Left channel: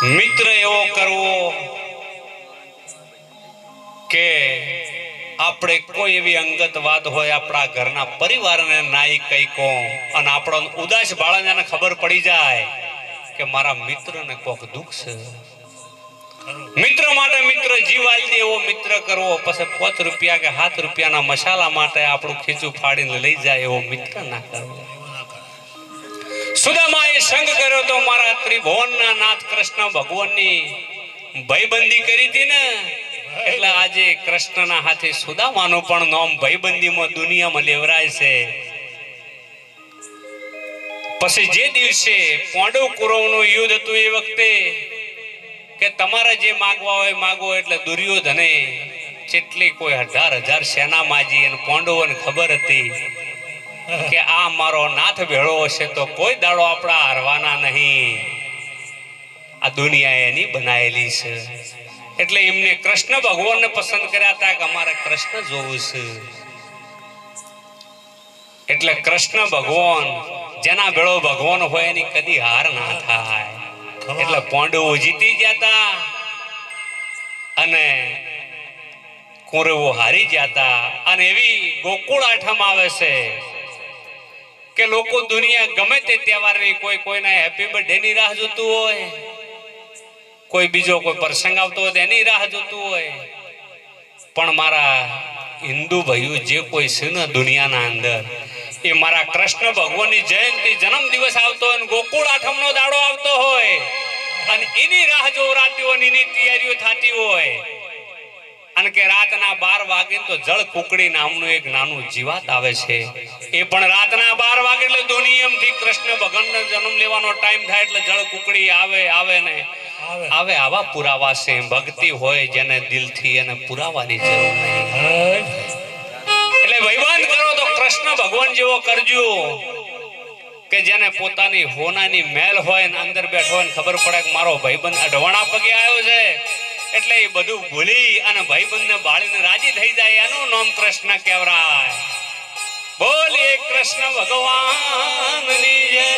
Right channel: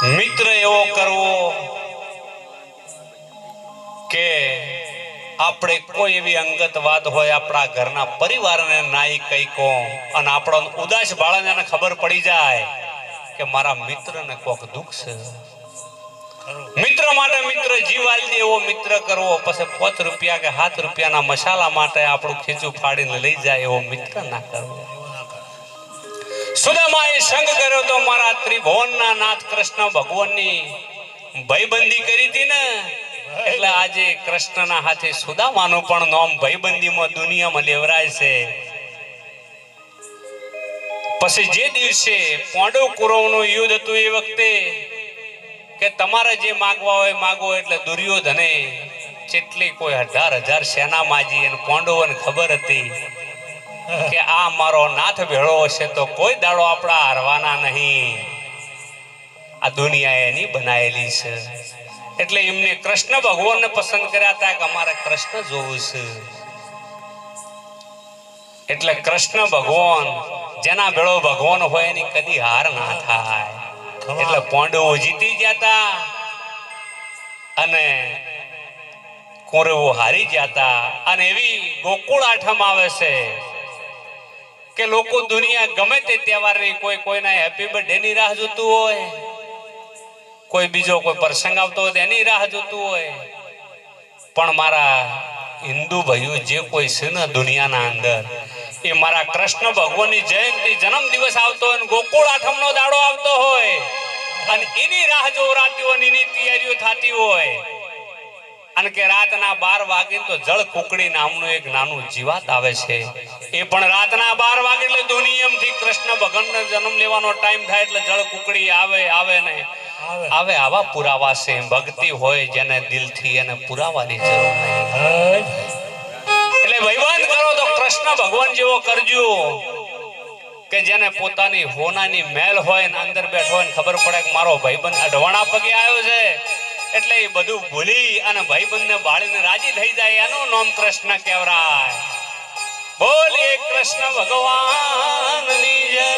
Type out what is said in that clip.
મિત્ર એવો કરવો કે આપણે કોઈ એવી અંગત વાત હોય આપણા ઘરના પરિવારને નાઈ કઈ કો અને આપણો ઉદાસ બાળાને ખબર પડી જાય કે મારા મિત્રને કોક દુઃખ છે, મિત્ર માટે મિત્ર જીવ આલી દે એવો મિત્ર કરવો. પછી 5 રૂપિયા કે 7 રૂપિયાના મસાલા માટે આપણું ખીચું ફાડીને લઈ જાય એવો મિત્ર ના કરવો. સુદામાએ સંગ કર્યો તો મારા ત્રિભુવનના નાથ કૃષ્ણ ભગવાનની ભાઈબંધી કરી હતી ને, એટલે આજે કૃષ્ણના હાથે સુદામાનું પણ નામ ભાઈબંધીમાં દુનિયામાં લેવરાય છે. પછી જે દિવસે પાંડવ કૌરવનું યુદ્ધ હતું એ વખતે કે તમારે જે માંગવા હોય માંગો, એટલે દુર્યોધને કેટલી કોઈ 1000 સેના માજી અને પાંડવોને ખબર હતી કે આ મારો નાથ ભેળો હશે તો કોઈ દાડો આપણા હારવાના નહીં, આ દુનિયા એની બનાયેલી છે. એટલે એમને કૃષ્ણ ભગવાનને પસંદ કર્યા હતા કે અમારે કૃષ્ણ જોવું છે. એટલે કૃષ્ણ ભગવાન જેના ભેળો ભગવાન હોય એની કદી હાર ના થાય. એટલે પાંડવો જીતી જતા અને કૌરવો હારી જતા. અને એવી ગોકુળ આઠમ આવે છે કે લોકો દુનિયા ગમે તે તહેવારની કોઈ કોઈના હેપી બર્થડે ની રાહ જોતું હોય, કોઈ બીજો કોઈ પ્રસંગ આવતો હોય એની રાહ જોતું હોય. પણ મારા હિન્દુ ભાઈઓ જે કોઈ છે ને દુનિયાના અંદર, એ મારા કૃષ્ણ ભગવાનની જયંતિ જન્મ દિવસ આવતો હોય, ગોકુળ આઠમનો દાડો આવતો હોય અને એની રાહ જોરાતી હોય, એની તૈયારીઓ થતી હોય. અને કે રાતના 12 વાગે તો જળ કુકડી નામનું એક નાનું જીવાત આવે છે, એ પણ રાતના 12 વાગે એટલે દુનિયામાંથી કૃષ્ણ ભગવાનનો જન્મ લેવાનો ટાઈમ થાય એટલે જળ કુકડી આવે ને આવે. આવા પુરાવા છે. ભક્તિ હોય જેને દિલથી એને પુરાવાની જરૂર નહીં. એટલે ભાઈબંધ કરો તો કૃષ્ણ ભગવાન જેવો કરજો કે જેને પોતાની હોનાની મેલ હોય ને અંદર બેઠો હોય ને ખબર પડે કે મારો ભાઈબંધ અઢવાણા પગે આવ્યો છે, એટલે એ બધું ભૂલી અને ભાઈબંધને બાળીને રાજી થઈ જાય. એનું નામ કૃષ્ણ કહેવાય. બોલીએ કૃષ્ણ ભગવાનની જય.